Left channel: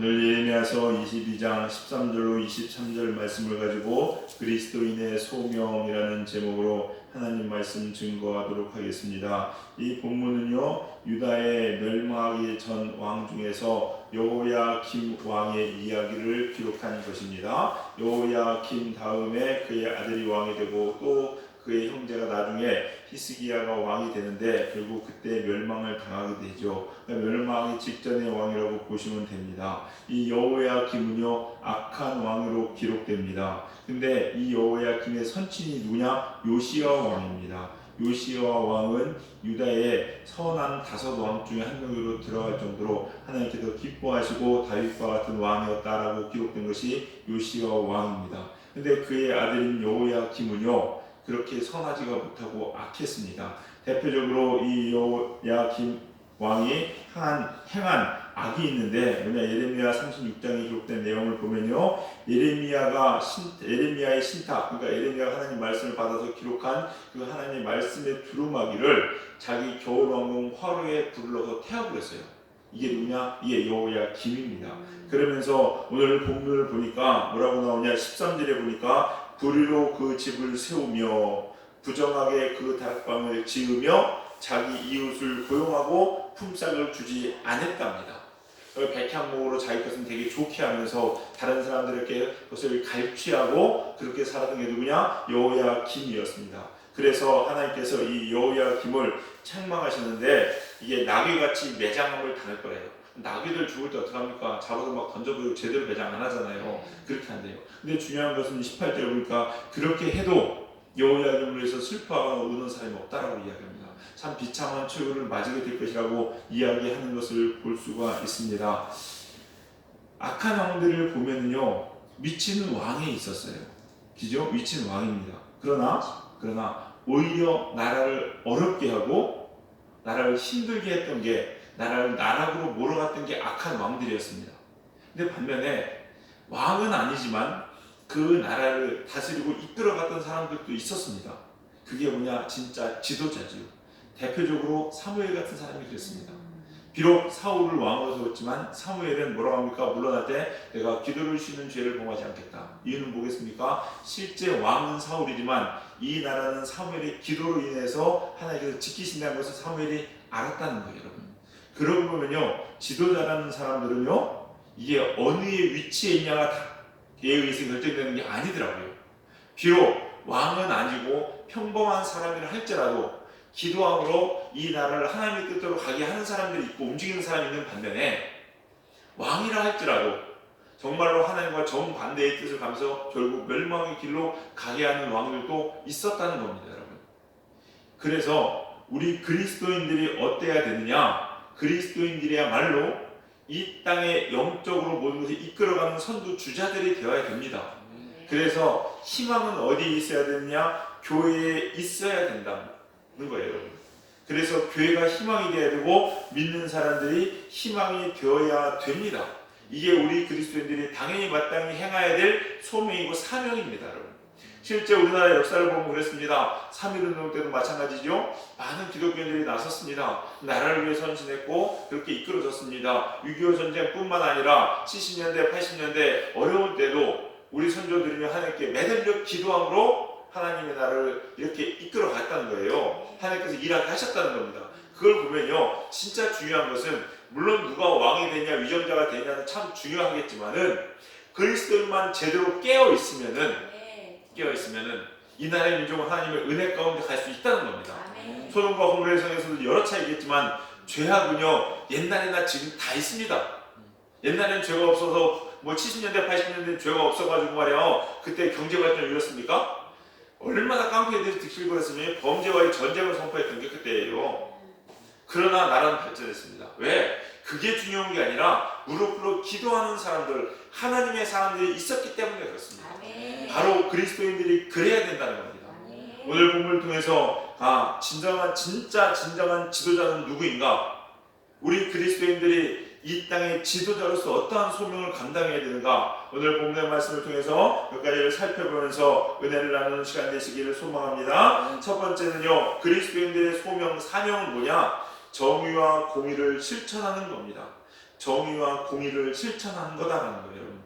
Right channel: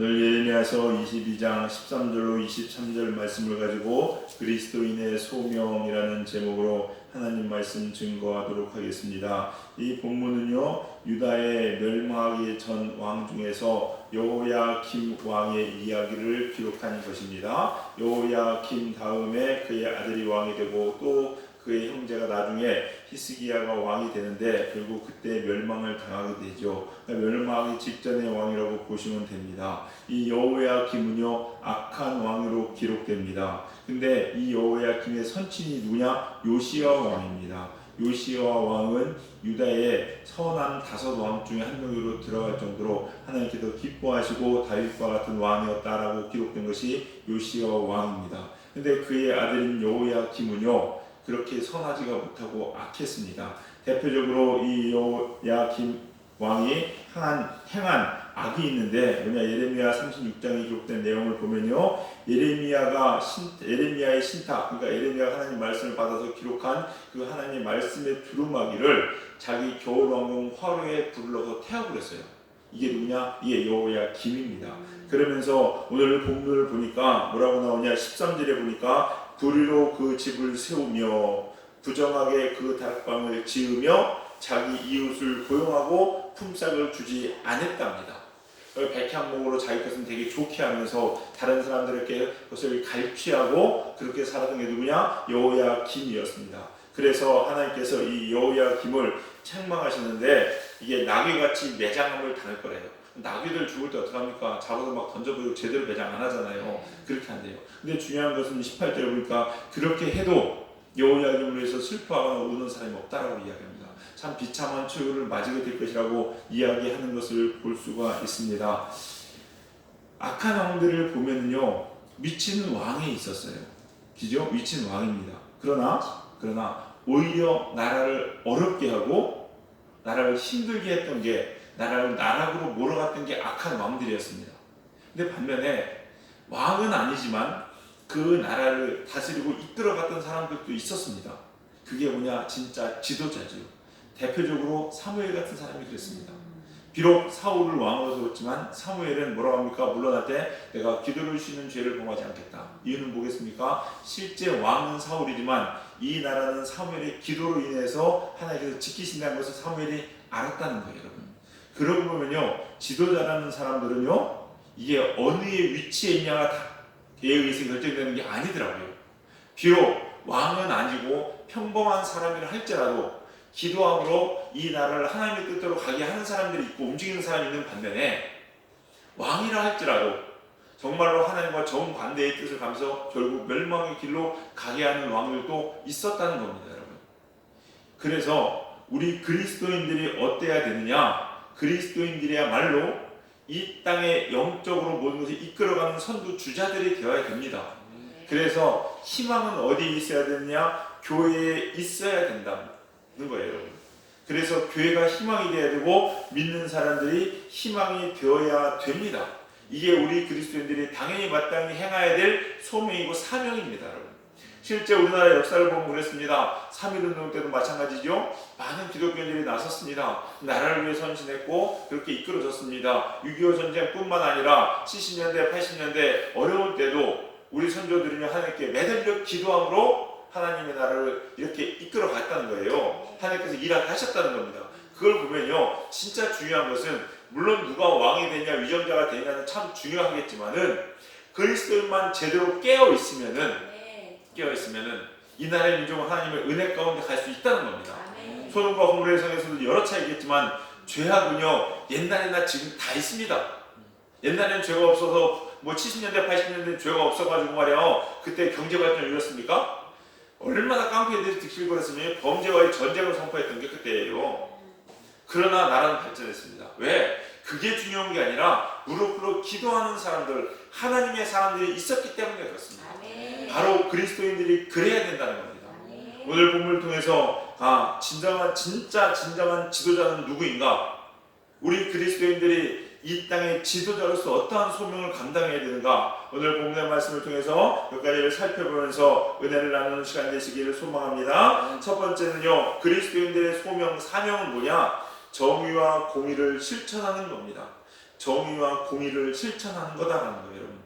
오늘 예레미야서 22장 13절로 23절 말씀을 가지고 그리스도인의 소명이라는 제목으로 하나님 말씀 증거하도록 하겠습니다. 이 본문은요, 유다의 멸망하기 전 왕 중에서 여호야김 왕의 이야기를 기록한 것입니다. 여호야김 다음에 그의 아들이 왕이 되고 또 그의 형제가 나중에 히스기야가 왕이 되는데 결국 그때 멸망을 당하게 되죠. 멸망하기 직전의 왕이라고 보시면 됩니다. 이 여호야김은요, 악한 왕으로 기록됩니다. 근데 이 여호야김의 선친이 누구냐? 요시야 왕입니다. 요시야 왕은 유다의 선한 5왕 중에 한 명으로 들어갈 정도로 하나님께서 기뻐하시고 다윗과 같은 왕이었다라고 기록된 것이 요시야 왕입니다. 근데 그의 아들인 여호야김은요, 그렇게 선하지가 못하고 악했습니다. 대표적으로 이 여호야김 왕이 행한 악이 있는데 예레미야 36장에 기록된 내용을 보면요, 에레미야의 신탁, 그러니까 에레미야가 하나님 말씀을 받아서 기록한 그 하나님 말씀의 두루마기를 자기 겨울왕궁 화로에 불러서 태워버렸어요. 이게 누구냐? 이게 여호야김입니다. 그러면서 오늘 본문을 보니까 뭐라고 나오냐? 13절에 보니까 불의로 그 집을 세우며 부정하게 그 다락방을 지으며 자기 이웃을 고용하고 품삯을 주지 않았답니다. 백향목으로 자기 것은 되게 좋게 하면서 다른 사람들에게 그것을 갈취하고 그렇게 살았던 게 누구냐? 여호야김이었습니다. 그래서 하나님께서 이 여호야김을 책망하시는데 이게 나귀같이 매장함을 당할 거래요. 나귀들 죽을 때 어떡합니까? 잡아서 막 던져버리고 제대로 매장 안 하잖아요. 그렇게 한대요. 근데 중요한 것은 18절에 보니까 그렇게 해도 여호야김으로 해서 슬퍼하거나 우는 사람이 없다라고 이야기합니다. 참 비참한 최후를 맞이게 될 것이라고 이야기하는 것을 볼 수가 있습니다. 악한 왕들을 보면요, 미치는 왕이 있었어요. 그죠? 미치는 왕입니다. 그러나 오히려 나라를 어렵게 하고 나라를 힘들게 했던 게 나라를 나락으로 몰아갔던 게 악한 왕들이었습니다. 근데 반면에 왕은 아니지만 그 나라를 다스리고 이끌어갔던 사람들도 있었습니다. 그게 뭐냐? 진짜 지도자지요. 대표적으로 사무엘 같은 사람이 그랬습니다. 비록 사울을 왕으로 세웠지만 사무엘은 뭐라고 합니까? 물러날 때 내가 기도를 쉬는 죄를 범하지 않겠다. 이유는 뭐겠습니까? 실제 왕은 사울이지만 이 나라는 사무엘의 기도로 인해서 하나님께서 지키신다는 것을 사무엘이 알았다는 거예요, 여러분. 그러고 보면요, 지도자라는 사람들은요, 이게 어느 위치에 있냐가 그에 의해서 결정되는 게 아니더라고요. 비록 왕은 아니고 평범한 사람이라 할지라도 기도함으로 이 나라를 하나님의 뜻대로 가게 하는 사람들이 있고 움직이는 사람이 있는 반면에 왕이라 할지라도 정말로 하나님과 정반대의 뜻을 가면서 결국 멸망의 길로 가게 하는 왕들도 있었다는 겁니다, 여러분. 그래서 우리 그리스도인들이 어때야 되느냐? 그리스도인들이야말로 이 땅에 영적으로 모든 것을 이끌어가는 선두 주자들이 되어야 됩니다. 그래서 희망은 어디에 있어야 되느냐? 교회에 있어야 된다는 거예요, 여러분. 그래서 교회가 희망이 되어야 되고 믿는 사람들이 희망이 되어야 됩니다. 이게 우리 그리스도인들이 당연히 마땅히 행해야 될 소명이고 사명입니다, 여러분. 실제 우리나라 역사를 보면 그랬습니다. 3.1운동 때도 마찬가지죠. 많은 기독교인들이 나섰습니다. 나라를 위해 헌신했고 그렇게 이끌어졌습니다. 6.25 전쟁뿐만 아니라 70년대, 80년대 어려울 때도 우리 선조들은요, 하나님께 매달려 기도함으로 하나님의 나라를 이렇게 이끌어 갔다는 거예요. 하나님께서 일하게 하셨다는 겁니다. 그걸 보면요, 진짜 중요한 것은 물론 누가 왕이 되냐 위정자가 되냐는 참 중요하겠지만은 그리스도인만 제대로 깨어 있으면은 이 나라의 민족은 하나님의 은혜 가운데 갈 수 있다는 겁니다. 소돔과 고모라의 성에서도 여러 차이 있겠지만 죄악은요, 옛날이나 지금 다 있습니다. 옛날에는 죄가 없어서 70년대 80년대 죄가 없어가지고 말이야 그때 경제 발전을 이뤘습니까? 얼마나 깡패들이 득실거렸으면 범죄와의 전쟁을 선포했던 게 그때예요. 그러나 나라는 발전했습니다. 왜? 그게 중요한 게 아니라 무릎 꿇어 기도하는 사람들, 하나님의 사람들이 있었기 때문에 그렇습니다. 바로 그리스도인들이 그래야 된다는 겁니다. 오늘 본문을 통해서 진짜 진정한 지도자는 누구인가? 우리 그리스도인들이 이 땅의 지도자로서 어떠한 소명을 감당해야 되는가? 오늘 본문의 말씀을 통해서 몇 가지를 살펴보면서 은혜를 나누는 시간 되시기를 소망합니다. 첫 번째는요, 그리스도인들의 소명, 사명은 뭐냐? 정의와 공의를 실천하는 겁니다. 정의와 공의를 실천하는 거다라는 거예요. 여러분.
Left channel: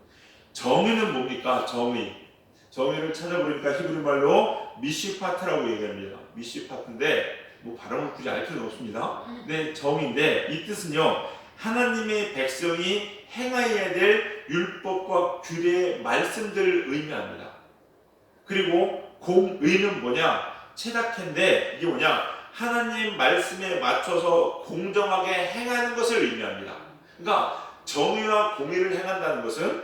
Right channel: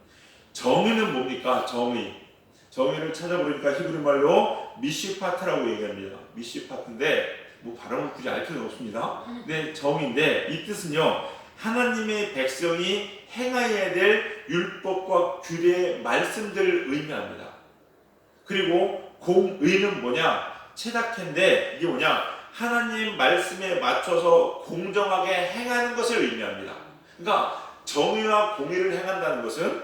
정의는 뭡니까? 정의를 찾아보니까 히브리 말로 미시파트라고 얘기합니다. 미시파트인데 뭐 발음을 굳이 알 필요는 없습니다. 근데 정의인데 이 뜻은요, 하나님의 백성이 행해야 될 율법과 규례의 말씀들을 의미합니다. 그리고 공의는 뭐냐? 체다케인데 이게 뭐냐? 하나님 말씀에 맞춰서 공정하게 행하는 것을 의미합니다. 그러니까 정의와 공의를 행한다는 것은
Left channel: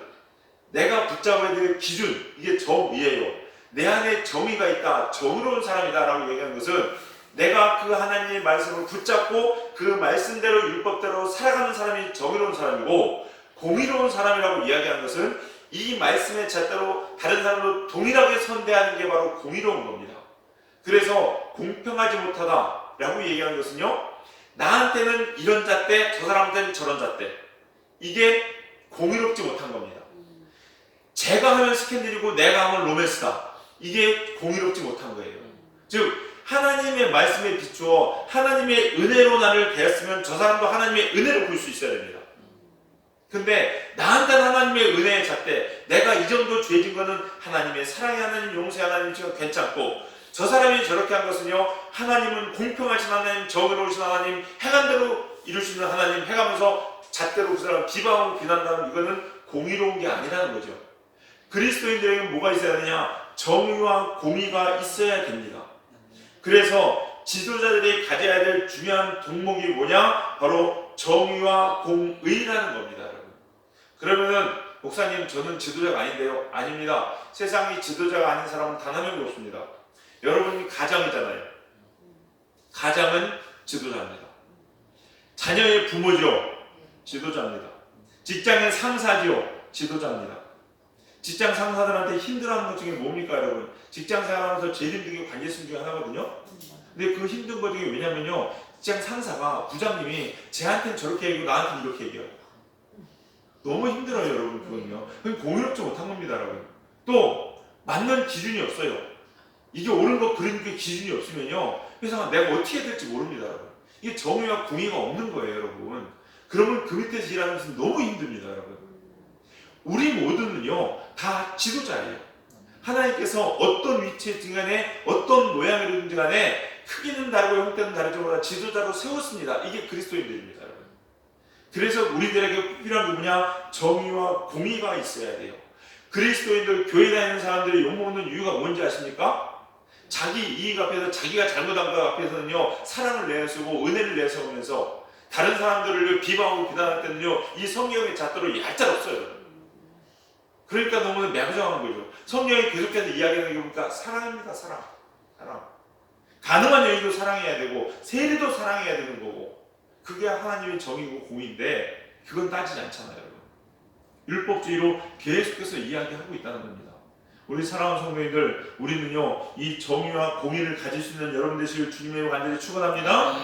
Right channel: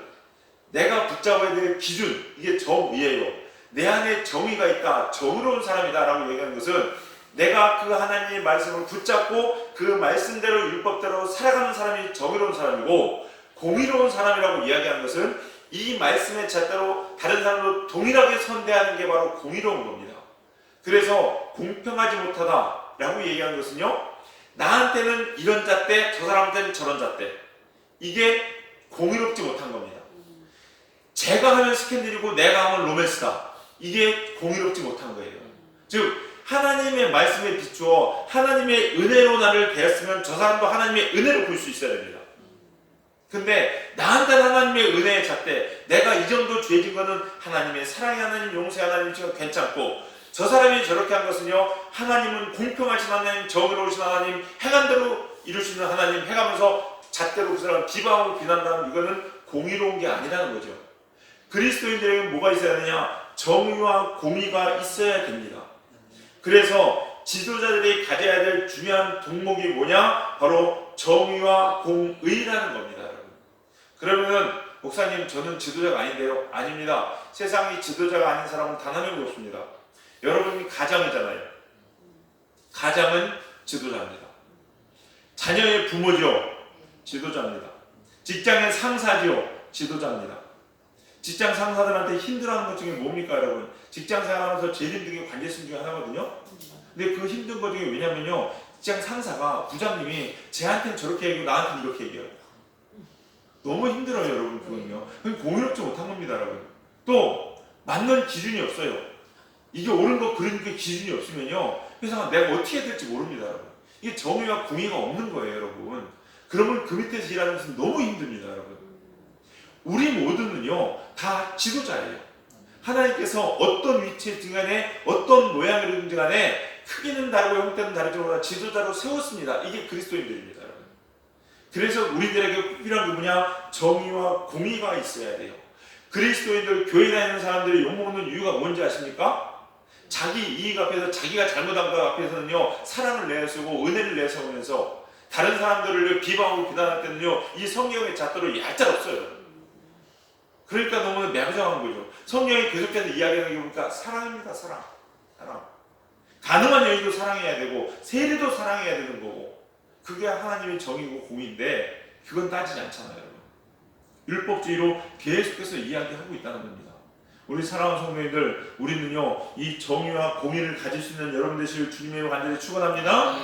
내가 붙잡아야 될 기준, 이게 정의예요. 내 안에 정의가 있다, 정의로운 사람이다 라고 얘기하는 것은 내가 그 하나님의 말씀을 붙잡고 그 말씀대로 율법대로 살아가는 사람이 정의로운 사람이고, 공의로운 사람이라고 이야기하는 것은 이 말씀의 잣대로 다른 사람도 동일하게 선대하는 게 바로 공의로운 겁니다. 그래서 공평하지 못하다라고 얘기하는 것은요, 나한테는 이런 잣대, 저 사람한테는 저런 잣대, 이게 공의롭지 못한 겁니다. 제가 하면 스캔들이고 내가 하면 로맨스다, 이게 공의롭지 못한 거예요. 즉 하나님의 말씀에 비추어 하나님의 은혜로 나를 대했으면 저 사람도 하나님의 은혜로 볼 수 있어야 됩니다. 근데 나한테는 하나님의 은혜의 잣대, 내가 이 정도 죄진 거는 하나님의 사랑의 하나님, 용서의 하나님 지금 괜찮고, 저 사람이 저렇게 한 것은요, 하나님은 공평하신 하나님, 정의로우신 하나님, 행한 대로 이루시는 하나님 해가면서 잣대로 그 사람을 비방하고 비난하면 이거는 공의로운 게 아니라는 거죠. 그리스도인들에게는 뭐가 있어야 하느냐? 정의와 공의가 있어야 됩니다. 그래서 지도자들이 가져야 될 중요한 덕목이 뭐냐? 바로 정의와 공의라는 겁니다, 여러분. 그러면은 목사님, 저는 지도자가 아닌데요? 아닙니다. 세상에 지도자가 아닌 사람은 단 한 명도 없습니다. 여러분이 가장이잖아요. 가장은 지도자입니다. 자녀의 부모죠. 지도자입니다. 직장의 상사죠. 지도자입니다. 직장 상사들한테 힘들어하는 것 중에 뭡니까, 여러분? 직장 생활하면서 제일 힘든 게 관계성 중에 하나거든요. 근데 그 힘든 것 중에 왜냐면요, 직장 상사가, 부장님이 쟤한테는 저렇게 얘기하고 나한테는 이렇게 얘기하고 너무 힘들어요, 여러분. 그건요, 공유롭지 못한 겁니다, 여러분. 또 맞는 기준이 없어요. 이게 옳은 거 그런 게 기준이 없으면요, 회사가 내가 어떻게 해야 될지 모릅니다, 여러분. 이게 정의와 공의가 없는 거예요, 여러분. 그러면 그 밑에서 일하는 것은 너무 힘듭니다, 여러분. 우리 모두는요, 다 지도자예요. 하나님께서 어떤 위치에 등간에 어떤 모양이든지 간에 크기는 다르고 형태는 다르지만 다 지도자로 세웠습니다. 이게 그리스도인들입니다, 여러분. 그래서 우리들에게 꼭 필요한 게 뭐냐? 정의와 공의가 있어야 돼요. 그리스도인들, 교회 다니는 사람들이 욕먹는 이유가 뭔지 아십니까? 자기 이익 앞에서, 자기가 잘못한 것 앞에서는요, 사랑을 내세우고 은혜를 내세우면서 다른 사람들을 비방하고 비난할 때는요, 이 성경의 잣대로 얄짤없어요. 그러니까 너무 매부장한 거죠. 성경이 계속해서 이야기하는 게 보니까 사랑입니다. 사랑. 가능한 여인도 사랑해야 되고 세리도 사랑해야 되는 거고, 그게 하나님의 정의고 공의인데 그건 따지지 않잖아요, 여러분. 율법주의로 계속해서 이야기하고 있다는 겁니다. 우리 사랑하는 성도님들, 우리는요, 이 정의와 공의를 가질 수 있는 여러분 되시길 주님의 간절히 축원합니다.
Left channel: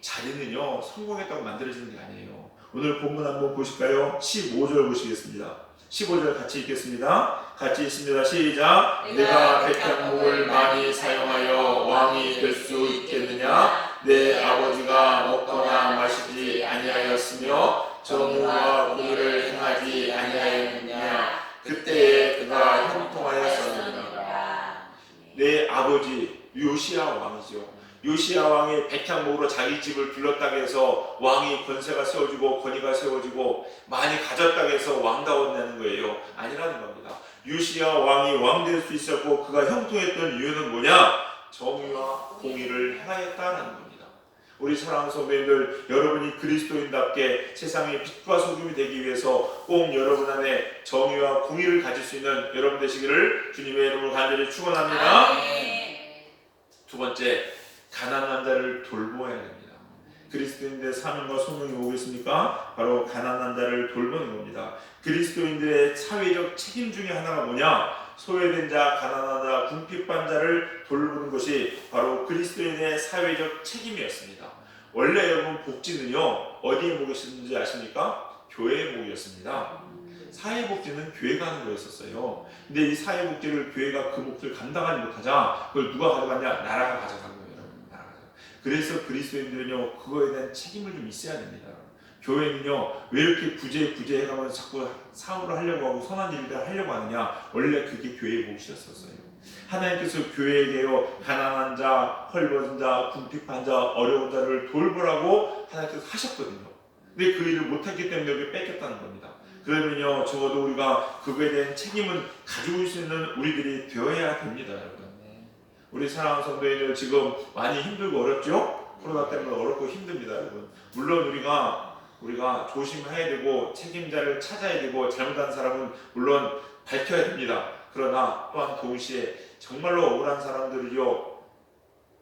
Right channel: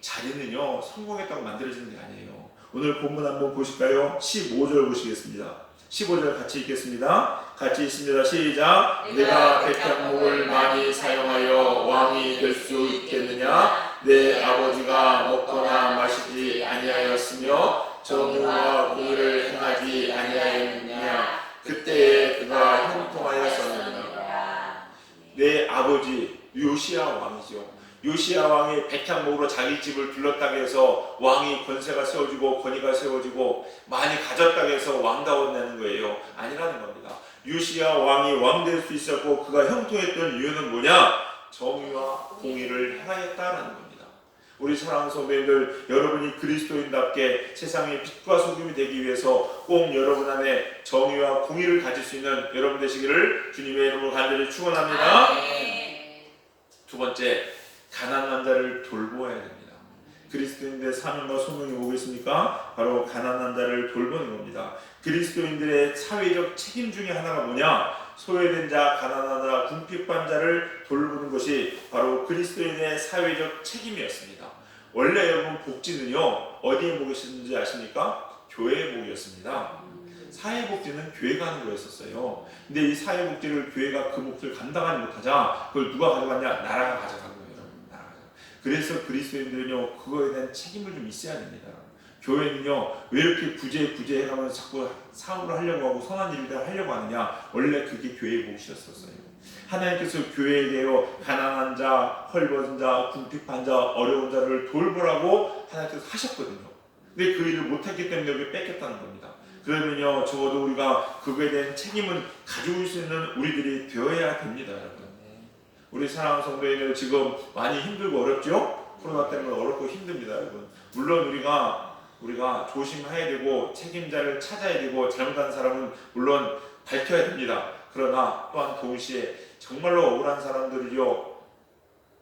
자리는요, 성공했다고 만들어지는 게 아니에요. 오늘 본문 한번 보실까요? 15절 보시겠습니다. 15절 같이 읽겠습니다. 같이 읽습니다. 시작. 내가 백향목을 많이 사용하여 왕이 될 수 있겠느냐? 내 아버지가 먹거나 마시지 아니하였으며 정의와 공의를 행하지 아니하였느냐? 그때에 그가 형통하였었느니라. 내 아버지 요시야 왕이죠. 요시야 왕이 백향목으로 자기 집을 둘렀다고 해서 왕이 권세가 세워지고 권위가 세워지고 많이 가졌다고 해서 왕다웠다는 거예요. 아니라는 겁니다. 요시야 왕이 왕 될 수 있었고 그가 형통했던 이유는 뭐냐? 정의와 공의를 행하였다는 겁니다. 우리 사랑하는 선배님들, 여러분이 그리스도인답게 세상의 빛과 소금이 되기 위해서 꼭 여러분 안에 정의와 공의를 가질 수 있는 여러분 되시기를 주님의 이름으로 간절히 축원합니다. 두 번째, 가난한 자를 돌보아야 됩니다. 그리스도인들의 사명과 소명이 뭐겠습니까? 바로 가난한 자를 돌보는 겁니다. 그리스도인들의 사회적 책임 중에 하나가 뭐냐? 소외된 자, 가난한 자, 궁핍한 자를 돌보는 것이 바로 그리스도인의 사회적 책임이었습니다. 원래 여러분 복지는요, 어디에 목이었는지 아십니까? 교회에 목이었습니다. 사회복지는 교회가 하는 거였었어요. 근데 이 사회복지를 교회가 그 몫을 감당하지 못하자 그걸 누가 가져갔냐? 나라가 가져간 거예요. 그래서 그리스도인들은요, 그거에 대한 책임을 좀 있어야 됩니다. 교회는요 왜 이렇게 구제 해가면서 자꾸 사업을 하려고 하고 선한 일을 하려고 하느냐? 원래 그게 교회의 몫이었었어요. 하나님께서 교회에게요 가난한 자, 헐벗은 자, 궁핍한 자, 어려운 자를 돌보라고 하나님께서 하셨거든요. 근데 그 일을 못했기 때문에 여기 뺏겼다는 겁니다. 그러면요 적어도 우리가 그거에 대한 책임은 가지고 있을 수 있는 우리들이 되어야 됩니다, 여러분. 우리 사랑하는 성도님들 지금 많이 힘들고 어렵죠? 코로나 때문에 어렵고 힘듭니다, 여러분. 물론 우리가 조심해야 되고 책임자를 찾아야 되고 잘못한 사람은 물론 밝혀야 됩니다. 그러나 또한 동시에 정말로 억울한 사람들을요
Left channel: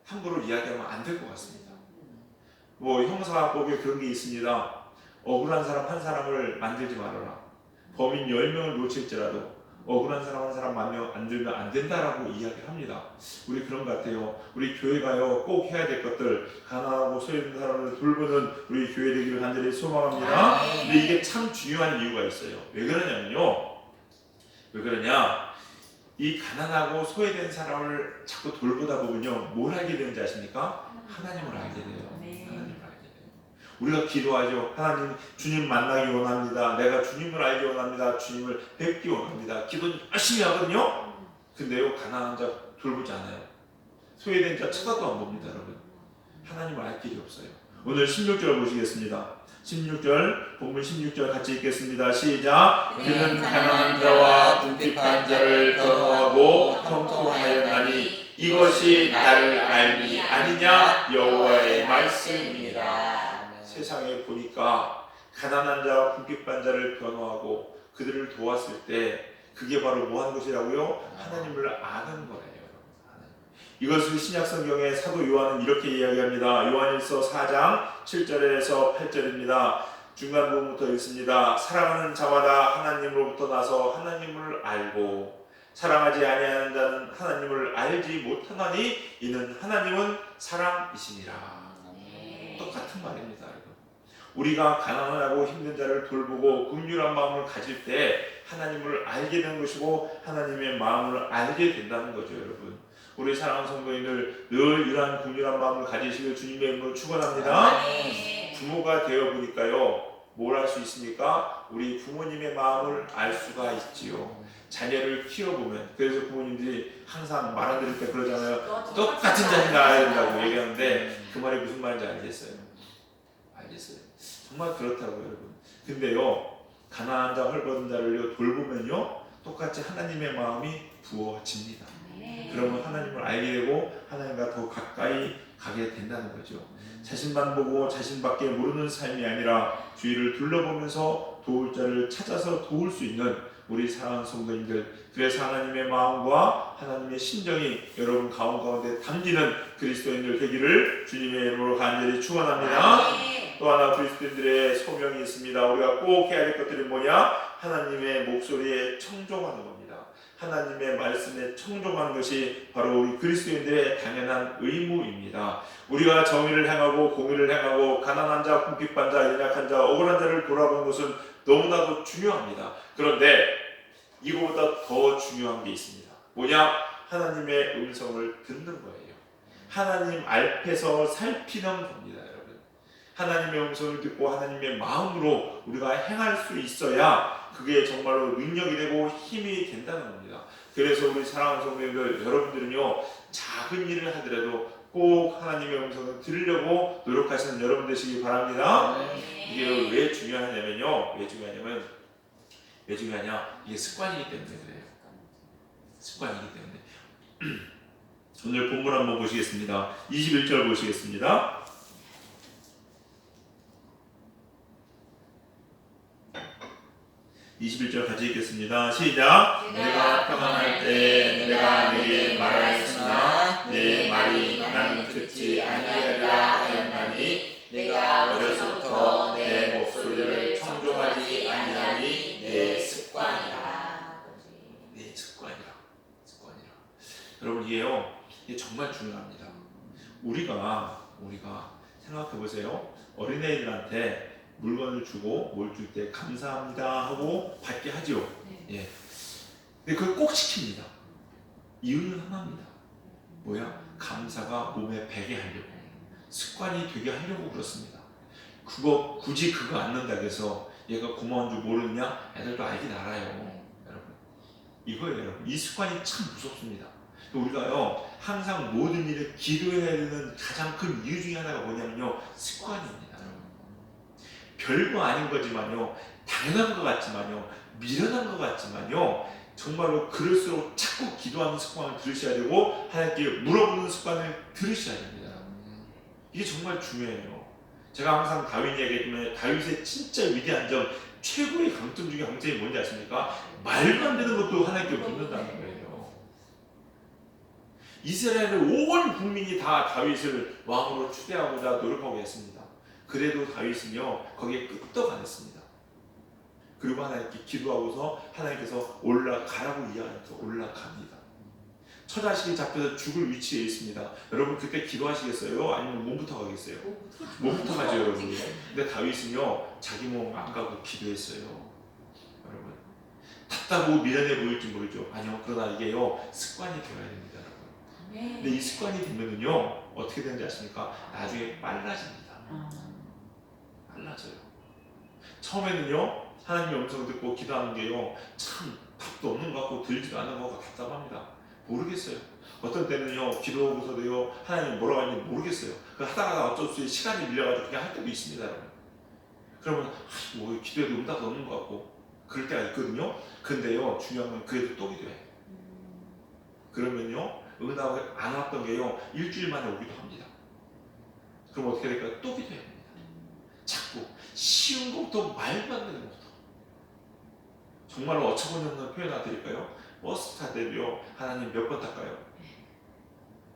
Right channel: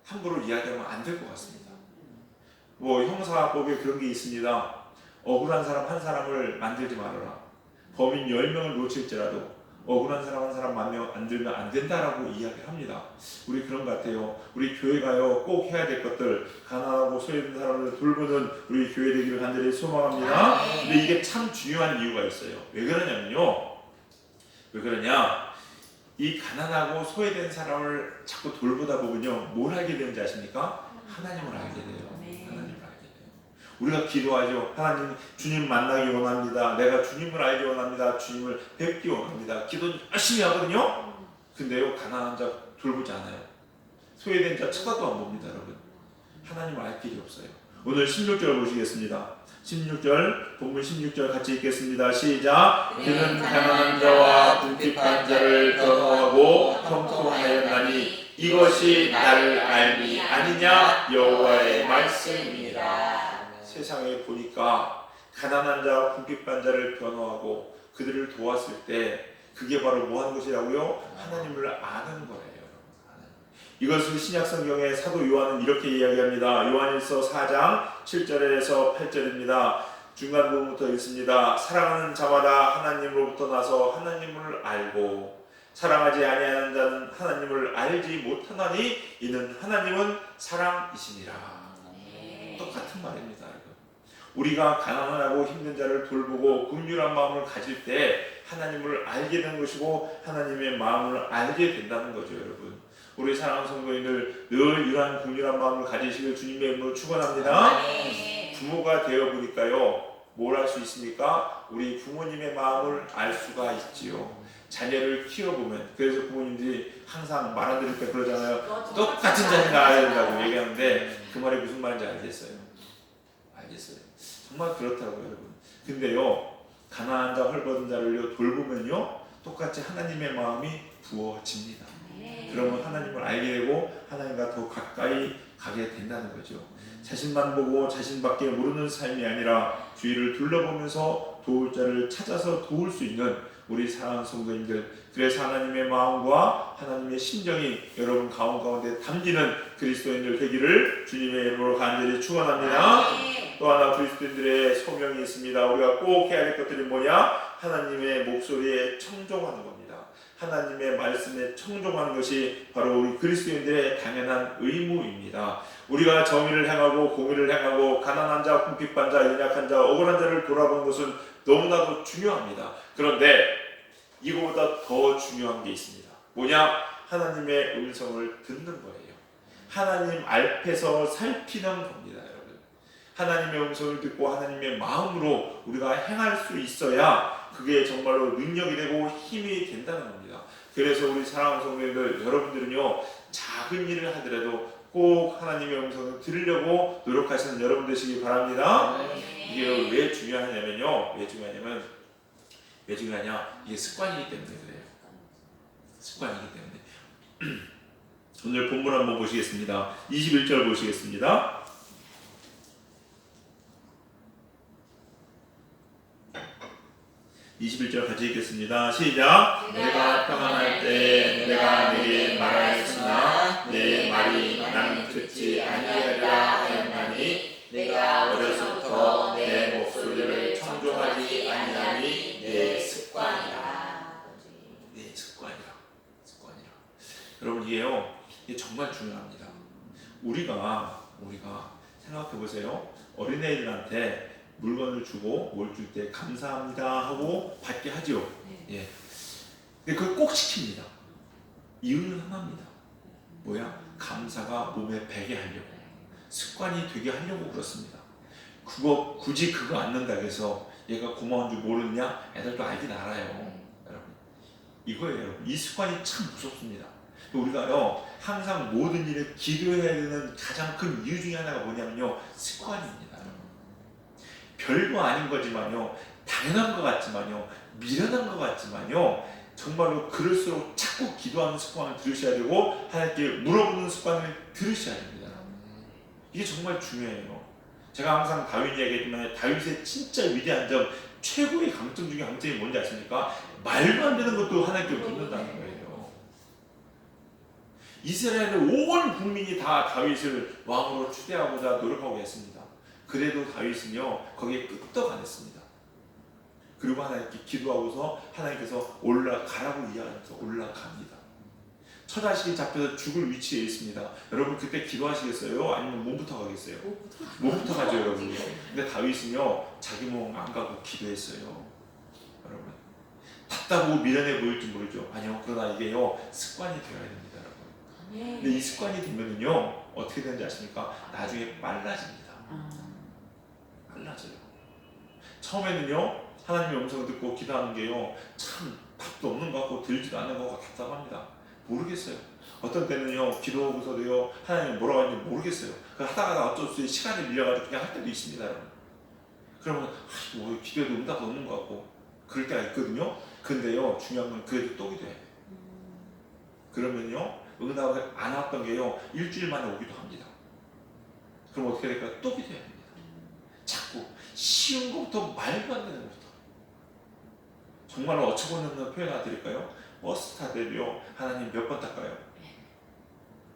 함부로 이야기하면 안 될 것 같습니다. 뭐 형사법에 그런 게 있습니다. 억울한 사람 한 사람을 만들지 말아라. 범인 10명을 놓칠지라도 억울한 사람 한 사람 만들면 안 된다라고 이야기합니다. 우리 그런 것 같아요. 우리 교회가요 꼭 해야 될 것들, 가난하고 소외된 사람을 돌보는 우리 교회 되기를 간절히 소망합니다. 근데 이게 참 중요한 이유가 있어요. 왜 그러냐면요. 왜 그러냐? 이 가난하고 소외된 사람을 자꾸 돌보다 보면요 뭘 알게 되는지 아십니까? 하나님을 알게 돼요. 하나님을 알게 돼요. 우리가 기도하죠. 하나님, 주님 만나기 원합니다. 내가 주님을 알기 원합니다. 주님을 뵙기 원합니다. 기도 열심히 하거든요. 근데요 가난한 자 돌보지 않아요. 소외된 자 쳐다도 안 봅니다, 여러분. 하나님을 알 길이 없어요. 오늘 16절 보시겠습니다. 16절, 본문 16절 같이 읽겠습니다. 시작. 그는 가난한 자와 궁핍한 자를 변호하고 형통하였나니 이것이 나를 알미 아니냐 여호와의 말씀이니라. 세상에 보니까 가난한 자와 궁핍한 자를 변호하고 그들을 도왔을 때 그게 바로 뭐 하는 것이라고요? 하나님을 아는 거예요. 이것을 신약성경의 사도 요한은 이렇게 이야기합니다. 요한일서 4장 7절에서 8절입니다. 중간 부분부터 읽습니다. 사랑하는 자마다 하나님으로부터 나서 하나님을 알고 사랑하지 아니하는 자는 하나님을 알지 못하나니 이는 하나님은 사랑이시니라. 똑같은 말입니다. 우리가 가난하고 힘든 자를 돌보고 긍휼한 마음을 가질 때 하나님을 알게 되는 것이고 하나님의 마음을 알게 된다는 거죠, 여러분. 우리 사랑하는 성도님들 늘 이러한 긍휼한 마음을 가지시길 주님의 이름으로 축원합니다. 부모가 되어 보니까요 뭘 할 수 있습니까? 우리 부모님의 마음을 알 수가 있지요. 자녀를 키워보면 그래서 부모님들이 항상 말 안 들을 때 그러잖아요. 똑같은 자녀 낳아야 된다고 얘기하는데 그 말이 무슨 말인지 알겠어요. 정말 그렇다고요, 여러분. 근데요 가난한 자 헐벗은 자를 돌보면요 똑같이 하나님의 마음이 부어집니다. 그러면 하나님을 알게 되고 하나님과 더 가까이 가게 된다는 거죠. 자신만 보고 자신밖에 모르는 삶이 아니라 주위를 둘러보면서 도울 자를 찾아서 도울 수 있는 우리 사랑하는 성도님들, 그래서 하나님의 마음과 하나님의 심정이 여러분 가운데 담기는 그리스도인들 되기를 주님의 이름으로 간절히 축원합니다. 또 하나 그리스도인들의 소명이 있습니다. 우리가 꼭 해야 될 것들이 뭐냐? 하나님의 목소리에 청종하는 겁니다. 하나님의 말씀에 청종하는 것이 바로 우리 그리스도인들의 당연한 의무입니다. 우리가 정의를 행하고 공의를 행하고 가난한 자, 궁핍한 자, 연약한 자, 억울한 자를 돌아보는 것은 너무나도 중요합니다. 그런데 이거보다 더 중요한 게 있습니다. 뭐냐? 하나님의 음성을 듣는 거예요. 하나님 앞에서 살피는 겁니다, 여러분. 하나님의 음성을 듣고 하나님의 마음으로 우리가 행할 수 있어야 그게 정말로 능력이 되고 힘이 된다는 겁니다. 그래서 우리 사랑하는 성도님들, 여러분들은요 작은 일을 하더라도 꼭 하나님의 음성을 들으려고 노력하시는 여러분 되시기 바랍니다. 이게 왜 중요하냐면요. 왜 중요하냐? 이게 습관이기 때문에 그래요. 습관이기 때문에. 오늘 본문 한번 보시겠습니다. 21절 보시겠습니다. 21절 같이 읽겠습니다. 시작. 내가 평안할 때 내가 내게 말하였으나 내 말이 나는 듣지 아니하리라 하였나니 내가 어려서부터 내 목소리를 청종하지 아니하니 내 습관이라. 내 습관이라. 여러분 이게 정말 중요합니다. 우리가 생각해 보세요. 어린애들한테 물건을 주고 뭘 줄 때 감사합니다 하고 받게 하죠. 예. 근데 그걸 꼭 시킵니다. 이유는 하나입니다. 뭐야? 감사가 몸에 배게 하려고, 습관이 되게 하려고 그렇습니다. 그거 굳이 그거 안 넣는다고 해서 얘가 고마운 줄 모르느냐? 애들도 알긴 알아요. 여러분 이거예요. 여러분 이 습관이 참 무섭습니다. 우리가요 항상 모든 일에 기도해야 되는 가장 큰 이유 중에 하나가 뭐냐면요 습관입니다. 여러분. 별거 아닌 거지만요 당연한 것 같지만요 미련한 것 같지만요 정말로 그럴수록 자꾸 기도하는 습관을 들으셔야 되고 하나님께 물어보는 습관을 들으셔야 됩니다. 이게 정말 중요해요. 제가 항상 다윗 이야기했지만 다윗의 진짜 위대한 점 최고의 강점 중에 강점이 뭔지 아십니까? 말도 안 되는 것도 하나님께 묻는다는 거예요. 이스라엘의 온 국민이 다 다윗을 왕으로 추대하고자 노력하고 했습니다. 그래도 다윗은요 거기에 끄떡 안 했습니다. 그리고 하나님께 기도하고서 하나님께서 올라가라고 이야기해서 올라갑니다. 처자식이 잡혀서 죽을 위치에 있습니다. 여러분 그때 기도하시겠어요? 아니면 몸부터 가겠어요? 몸부터 가죠 여러분. 근데 다윗은요 자기 몸 안 가고 기도했어요. 여러분 답답하고 미련해 보일지 모르죠. 아니요 그러나 이게요 습관이 되어야 됩니다. 여러분. 근데 이 습관이 되면은요 어떻게 되는지 아십니까? 나중에 빨라집니다. 빨라져요. 처음에는요 하나님의 음성을 듣고 기도하는 게요 참 답도 없는 것 같고 들지도 않는 것 같고 답답합니다. 모르겠어요. 어떤 때는요 기도하고서도요 하나님 뭐라고 하는지 모르겠어요. 하다가 어쩔 수 없이 시간이 밀려가지고 그냥 할 때도 있습니다. 여러분. 그러면 뭐 기도해도 응답도 없는 것 같고 그럴 때가 있거든요. 근데요 중요한 건 그래도 또 기도해. 그러면요 응답을 안 왔던 게요 일주일 만에 오기도 합니다. 그럼 어떻게 될까요? 또 기도해야 됩니다. 자꾸 쉬운 것부터 말도 안 되는 것부터 정말로 어처구니없는 표현 하나 드릴까요? 버스 타대요 하나님 몇 번 탈까요?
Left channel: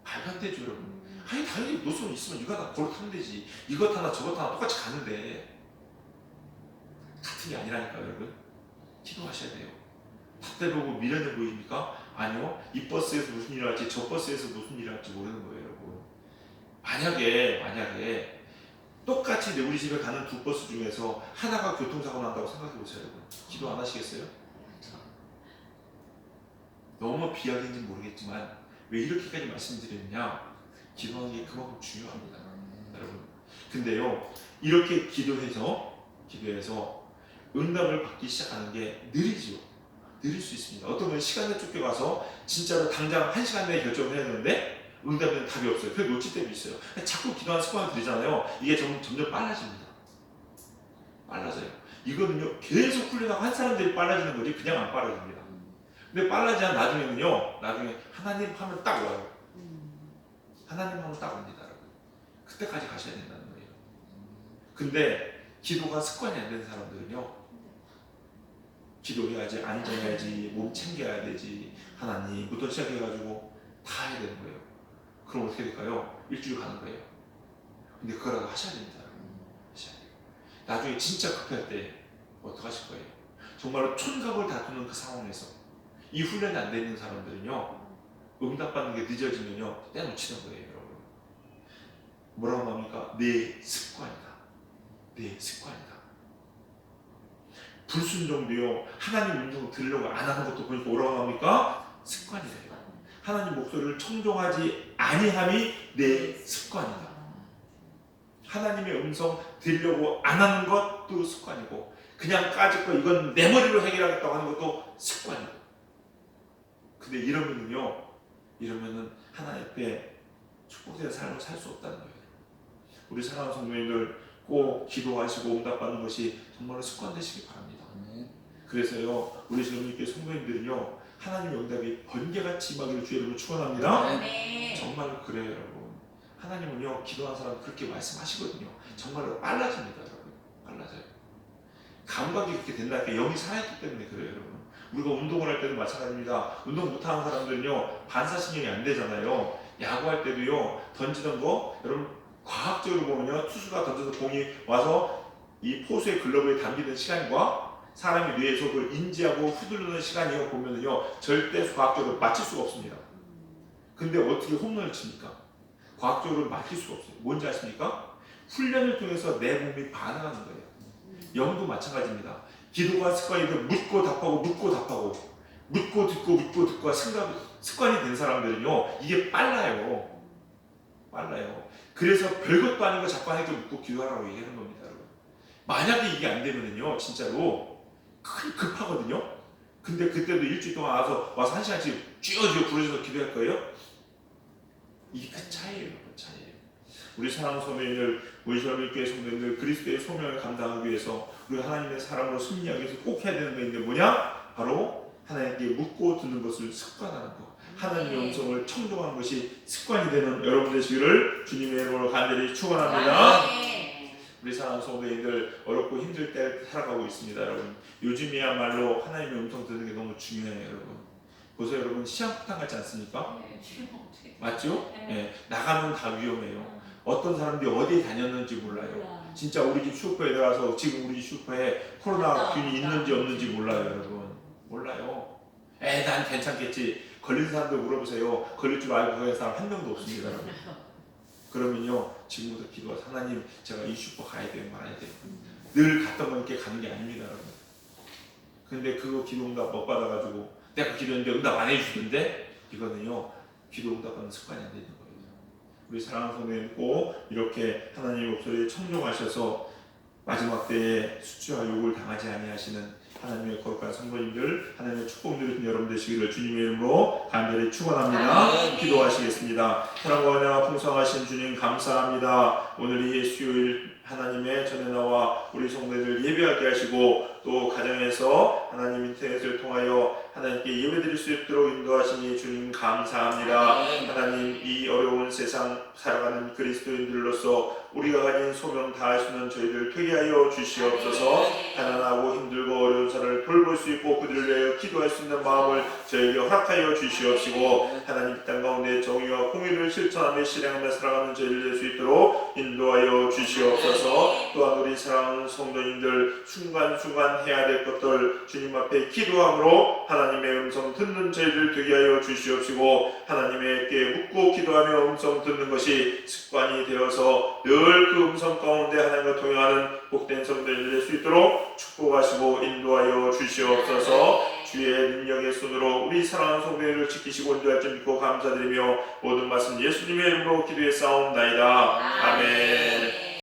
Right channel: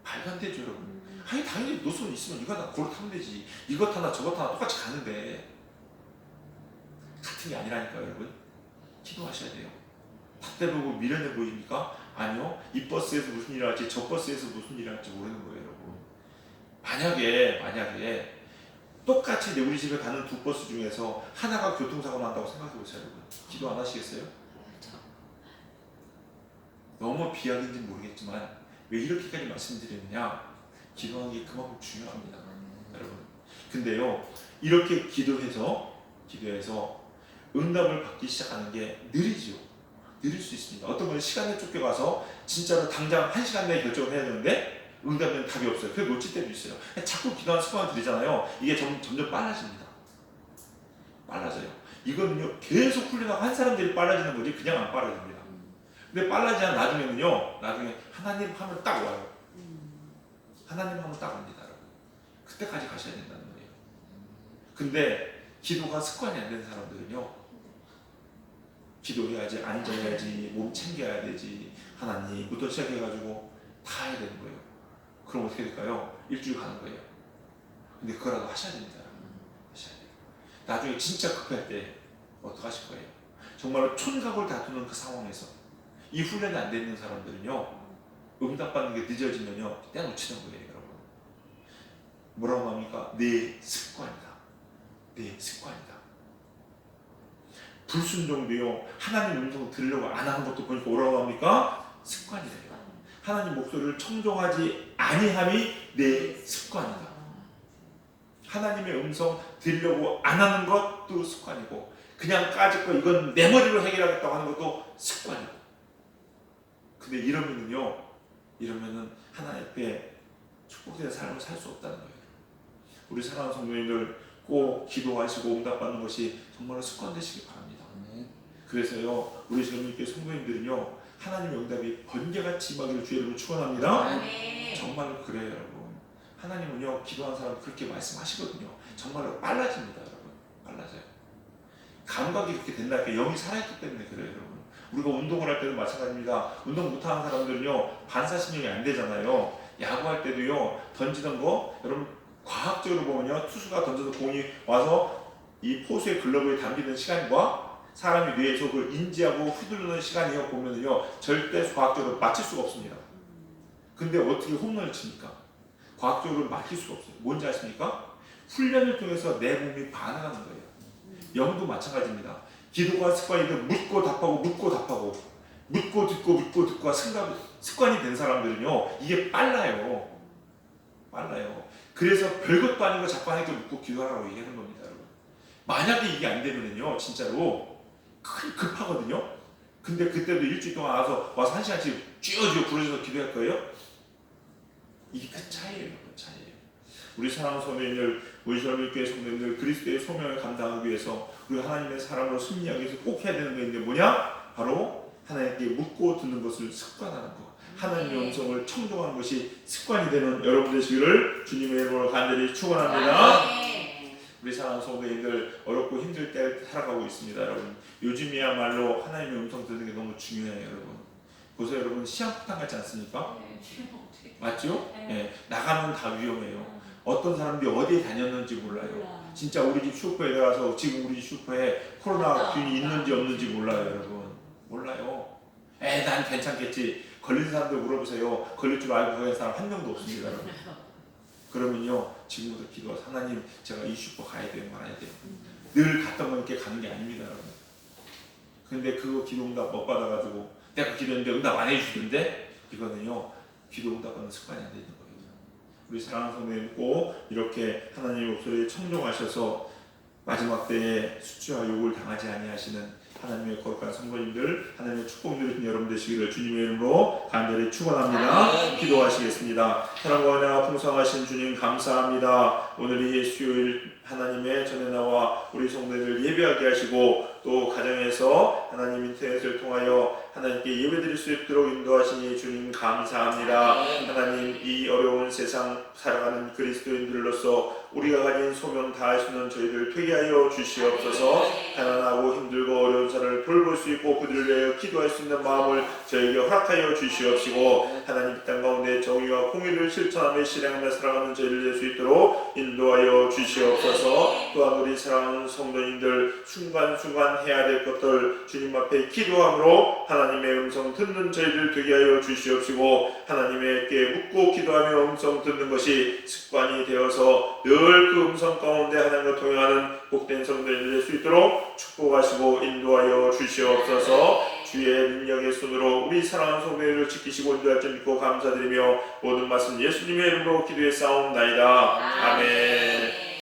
말도 안 되죠 여러분. 아니 당연히 노선 있으면 이거 하나 고르 타면 되지. 이것 하나 저것 하나 똑같이 가는데 같은 게 아니라니까요 여러분. 기도하셔야 돼요. 탓대 보고 미련해 보입니까? 아니요. 이 버스에서 무슨 일을 할지 저 버스에서 무슨 일을 할지 모르는 거예요 여러분. 만약에 똑같이 우리 집에 가는 두 버스 중에서 하나가 교통사고 난다고 생각해 보세요 여러분. 기도 안 하시겠어요? 너무 비약인지 모르겠지만 왜 이렇게까지 말씀드리느냐? 기도하는 게 그만큼 중요합니다 여러분. 근데요 이렇게 기도해서 응답을 받기 시작하는 게 느리죠. 느릴 수 있습니다. 어떤 건 시간에 쫓겨가서 진짜로 당장 1시간 내에 결정을 해야 되는데 응답에는 답이 없어요. 그래서 놓칠 때도 있어요. 자꾸 기도하는 습관을 들이잖아요. 이게 점점 빨라집니다. 빨라져요. 이거는요 계속 훈련하고 한 사람들이 빨라지는 거지 그냥 안 빨라집니다. 근데 빨라지면 나중에는요 하나님 하면 딱 와요. 하나님 하면 딱 옵니다. 그때까지 가셔야 된다는 거예요. 근데 기도가 습관이 안 되는 사람들은요 기도해야지, 앉아야지, 몸 챙겨야 되지, 하나님부터 시작해가지고 다 해야 되는 거예요. 그럼 어떻게 될까요? 일주일 가는 거예요. 근데 그거라도 하셔야 됩니다. 하셔야 돼요. 나중에 진짜 급할 때 어떡하실 거예요? 정말로 촌각을 다투는 그 상황에서 이 훈련이 안 되는 사람들은요 응답받는 게 늦어지면요 떼놓치는 거예요 여러분. 뭐라고 합니까? 내 습관이다. 내 습관이다. 불순종도요 하나님 음성을 들으려고 안 하는 것도 보니까 뭐라고 합니까? 습관이래요. 하나님 목소리를 청종하지 아니함이 내 습관이다. 하나님의 음성 들으려고 안 하는 것도 습관이고 그냥 까짓거 이건 내 머리로 해결하겠다고 하는 것도 습관이고. 근데 이러면은 하나님 앞에 축복된 삶을 살 수 없다는 거예요. 우리 사랑하는 성도님들 꼭 기도하시고 응답받는 것이 정말로 습관 되시기 바랍니다. 그래서요 우리 주님께 성도님들은요 하나님의 응답이 번개같이 임하기를 주의 이름으로 축원합니다. 정말로 그래요 여러분. 하나님은요 기도하는 사람 그렇게 말씀하시거든요. 정말로 빨라집니다 여러분. 빨라져요. 감각이 그렇게 된다니까 영이 살아있기 때문에 그래요 여러분. 우리가 운동을 할 때도 마찬가지입니다. 운동 못하는 사람들은요 반사신경이 안 되잖아요. 야구할 때도요 던지던 거 여러분 과학적으로 보면요 투수가 던져서 공이 와서 이 포수의 글러브에 담기는 시간과 사람이 뇌에서 그걸 인지하고 휘두르는 시간이요 보면은요 절대 과학적으로 맞출 수가 없습니다. 근데 어떻게 홈런을 칩니까? 과학적으로 맞출 수가 없어요. 뭔지 아십니까? 훈련을 통해서 내 몸이 반응하는 거예요. 영도 마찬가지입니다. 기도가 습관인데 묻고 답하고 묻고 듣고 습관이 된 사람들은요 이게 빨라요. 그래서 별것도 아닌 거 자꾸 하니까 묻고 기도하라고 얘기하는 겁니다 여러분. 만약에 이게 안 되면은요, 진짜로 급하거든요. 근데 그때도 일주일 동안 와서 1시간씩 쥐어쥐어 부르셔서 기도할 거예요? 이게 큰 차이예요, 큰 차이예요. 우리 사랑하는 성도님들, 우리 젊은교회 성도님들, 그리스도의 소명을 감당하기 위해서, 우리 하나님의 사람으로 승리하기 위해서 꼭 해야 되는 게 있는데 뭐냐? 바로 하나님께 묻고 듣는 것을 습관하는 것. 하나님의 음성을 청종하는 것이 습관이 되는 여러분 되시기를 주님의 이름으로 간절히 축원합니다. 우리 사랑하는 성도님들, 어렵고 힘들 때 살아가고 있습니다. 여러분, 요즘이야말로 하나님의 음성 듣는 게 너무 중요해요. 여러분, 그래서 여러분 시한폭탄 같지 않습니까? 맞죠? 네. 나가면 다 위험해요. 어떤 사람들이 어디에 다녔는지 몰라요. 진짜 우리 집 슈퍼에 들어가서 지금 우리 집 슈퍼에 코로나균이 있는지 없는지 몰라요. 여러분, 몰라요. 난 괜찮겠지. 걸린 사람들 물어보세요. 걸릴 줄 알고 가는 사람 한 명도 없습니다. 여러분. 그러면요, 지금부터 기도하세요. 하나님, 제가 이 슈퍼 가야 돼요, 말아야 돼요. 늘 갔던 건 이렇게 가는 게 아닙니다, 여러분. 근데 그거 기도 응답 못 받아가지고 내가 기도했는데 응답 안 해주시던데, 이거는요, 기도 응답받는 습관이 안 되는 거예요. 우리 사랑하는 성도님, 꼭 이렇게 하나님의 목소리에 청종하셔서 마지막 때에 수치와 욕을 당하지 아니하시는 하나님의 거룩한 성도님들, 하나님의 축복 누리신 여러분 되시기를 주님의 이름으로 간절히 축원합니다. 기도하시겠습니다. 사랑과 은혜가 풍성하신 주님 감사합니다. 오늘 이 수요일 하나님의 전에 나와 우리 성도들을 예배하게 하시고, 또 가정에서 하나님 인터넷을 통하여 하나님께 예배드릴 수 있도록 인도하시니 주님 감사합니다. 하나님, 이 어려운 세상 살아가는 그리스도인들로서 우리가 가진 소명 다하시는 저희들 되게 하여 주시옵소서. 가난하고 힘들고 어려운 사람을 돌볼 수 있고 그들을 위해 기도할 수 있는 마음을 저에게 허락하여 주시옵시고, 하나님 땅 가운데 정의와 공의를 실천하며 실행하며 살아가는 저희를 될 수 있도록 인도하여 주시옵소서. 또한 우리 사랑하는 성도님들, 순간순간 해야 될 것들 주님 앞에 기도함으로 하나님의 음성 듣는 저희들 되게 하여 주시옵시고, 하나님께 묻고 기도하며 음성 듣는 것이 습관이 되어서 늘 그 음성 가운데 하나님과 동행하는 복된 성도님들 될 수 있도록 축복하시고 인도하여 주시옵소서. 주의 능력의 손으로 우리 사랑하는 성도들을 지키시고 인도할 줄 믿고 감사드리며 모든 말씀 예수님의 이름으로 기도해 싸움나이다. 아멘.